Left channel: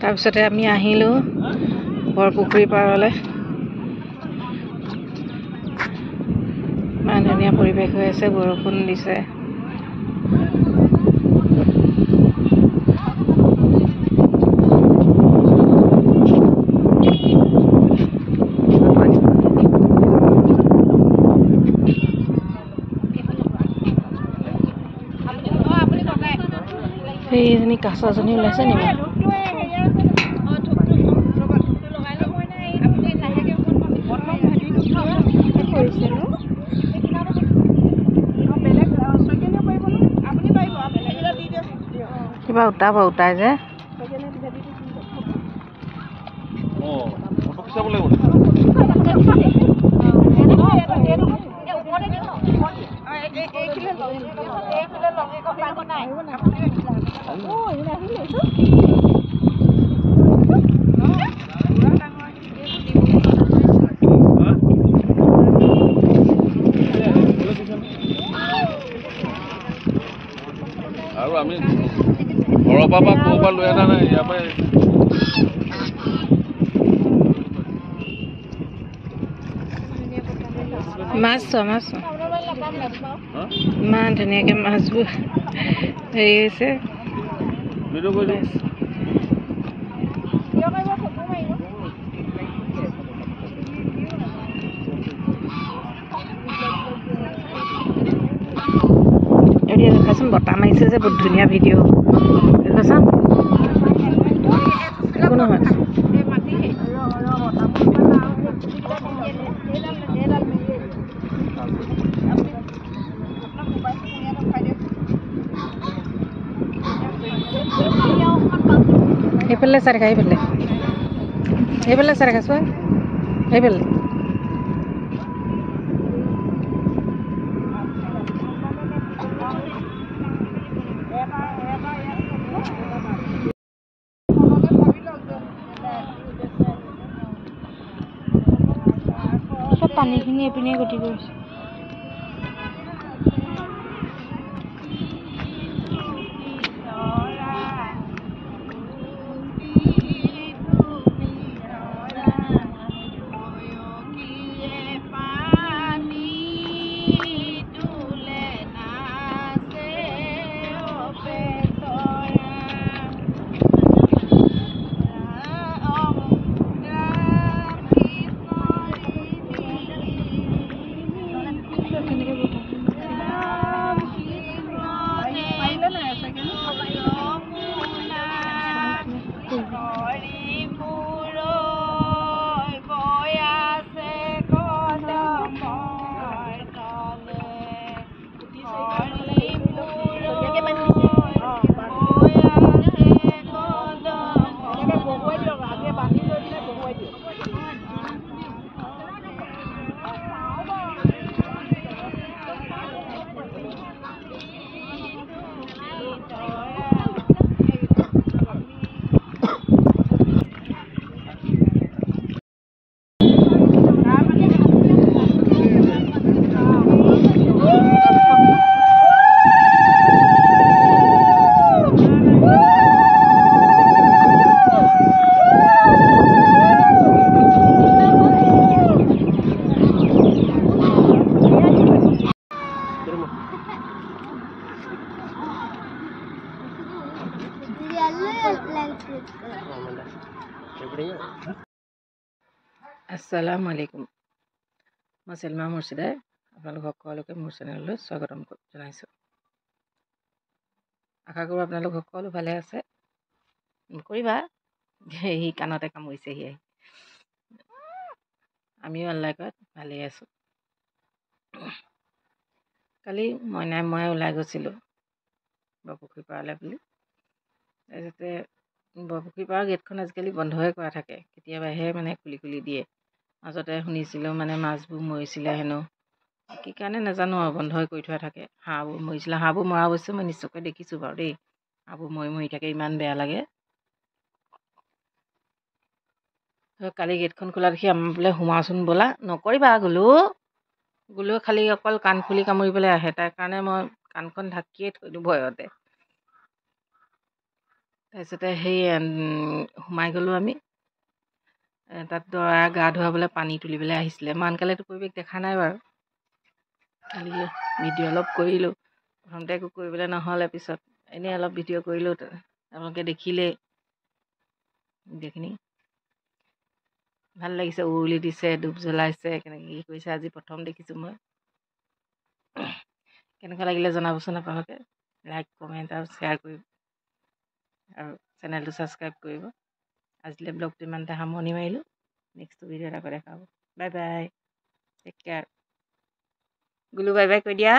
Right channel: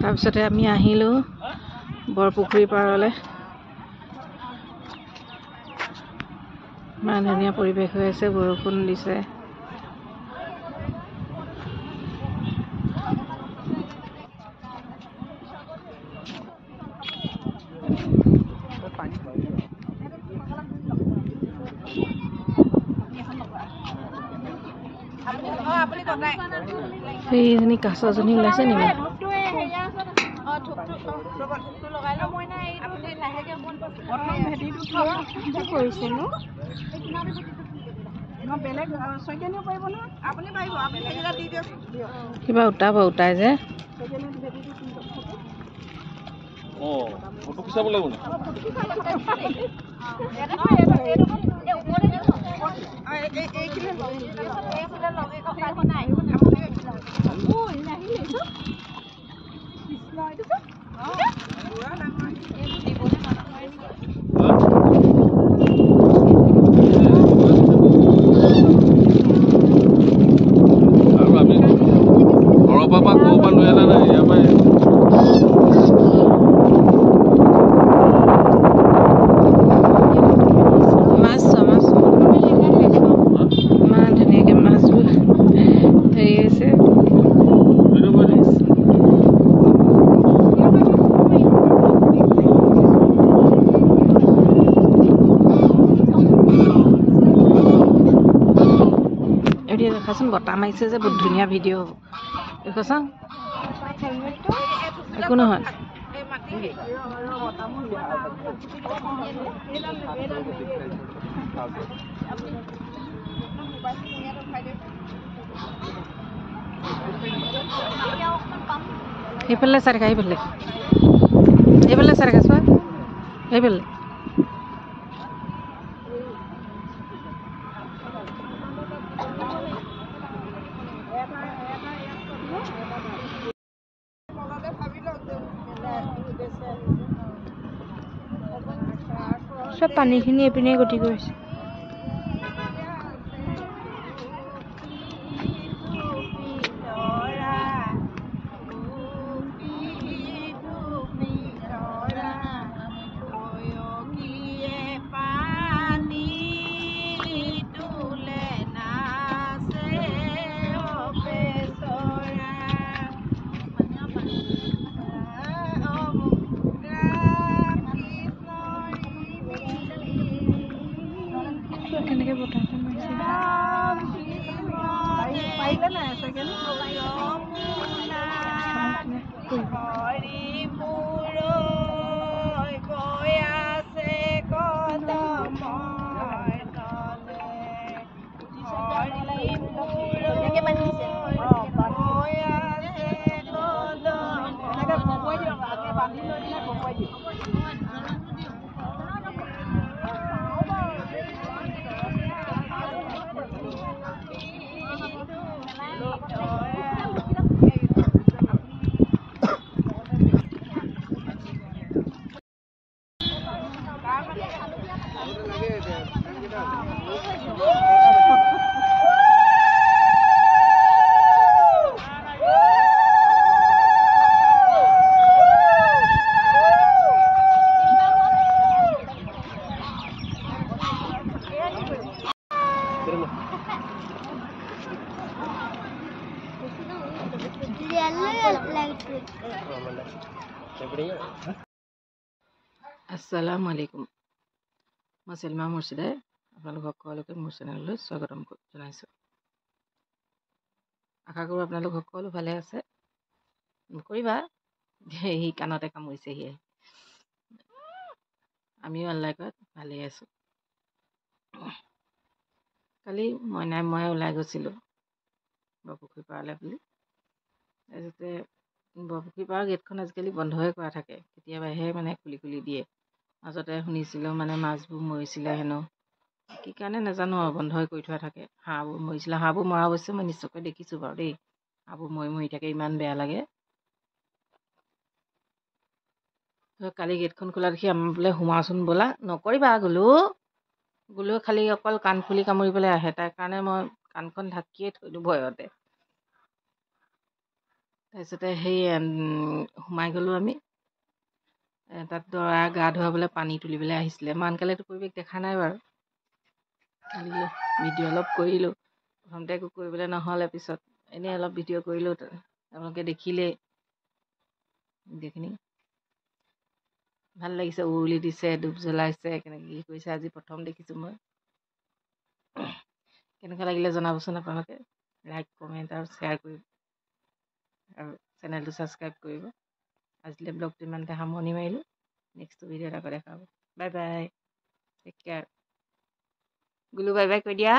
তাৰপিছতে আমি আহিলোঁ বৰপুখুৰী পাৰলৈ। ইমান ধুনীয়া পৰিৱেশ হৈ আছে, বৰষুণ দিছে। সেইজনী কাছজনী ওলাইছে নেকি? কিবা উঠাই যে ইমান ধুনীয়াকৈ মাছবোৰ হেৰি হৈছে। এতিয়া দেখাচোন বতাহ মাৰিছে যে বহুত ধুনীয়া ভিডিঅ' দেখাচোন। একো নহয়। সেইফালে চাই দেখা, সেইফালে চাই দেখা চোৱা, সেইফালে চব পানীখিনি এইপিনে গতি কৰিছে। আসসালামু আলাইকুম। মই চেলমা মুৰ্ছিদাই আপোনালোক সকলোকে মোৰ চেনেললৈ স্বাগতম জনাইছোঁ। আশা কৰোঁ আপোনালোক সকলো ভালে আছে। নকৰিবা সি কাণতে কামুৰিছেহি আহি। আমিও আল্লাহ কৰাত ভালেই আছোঁ। কালি মই ওলাই গৈছিলোঁ বৰপুখুৰী পাৰলৈ বুলি। তাৰপিছতে বৰপুখুৰী পাৰৰ গেটখন আজিকালি বন্ধই কৰা থাকে, কেতিয়াবাহে মানে খুলি দিয়ে। মাজতে শুনিছিলোঁ মানে মাছবোৰ মৰিছিলে হেনো, কি কাৰণে নাজানো আৰু বন্ধই কৰি থোৱা থাকে। হাঁহবোৰ মৰিছিলে, হাঁহবোৰ মৰা অৱশ্যে মই নিশ্চয়কৈ দেখিছোঁ বাৰু দেই। হাঁহবোৰ মৰি থাকে, ইমান বেয়া লাগে। কালি গেটখন খোলা দেখি আমাৰ বোলে সোমাওচোন ব'লা, নকৰিবা গোলু খালি অকল কাণফুলি কামুৰিবলৈ আহে, তাৰ কাৰণে মই কাণখন ঢাকিয়ে থৈ দিওঁ ভয়তে। তাৰপিছতে সেই সোমাই গ'লোঁ আমি। তাত দৰা গা ধুৱাবলৈ পানী তুলিবলৈ আহিছিলে। মই আনকালেতো পৰিৱেশ দেখা নাই বাৰু, খালি ভিডিঅ' অলপ কৰিলোঁ। প্ৰথমতে একো কৰিবলৈ নহ'লে, পিছত এনেই অলপ ভিডিঅ' কৰিলোঁ, আপোনালোকে দেখিলেই ভিডিঅ'খিনি। ভাল লাগিছে, উৰুলি দিছে, ধূপ জ্বলাইছে, কেনেকৈ কি কৰিছে আজি প্ৰথম দেখিছোঁ মই। কেনেকুৱা লাগিলে জনাবচোন আপোনালোকে। লাইক, কমেণ্ট আৰু শ্বেয়াৰ কৰিব, আৰু চেনেলটো ছাবস্ক্ৰাইব কৰিব। আজিলৈ ব্লগটো ইমানতে সামৰণি মাৰিলোঁ। নেক্সট ভিডিঅ'ত আকৌ দেখা হ'ব। Bye bye, take care. গুলু বাই বাই কৈ দিয়া।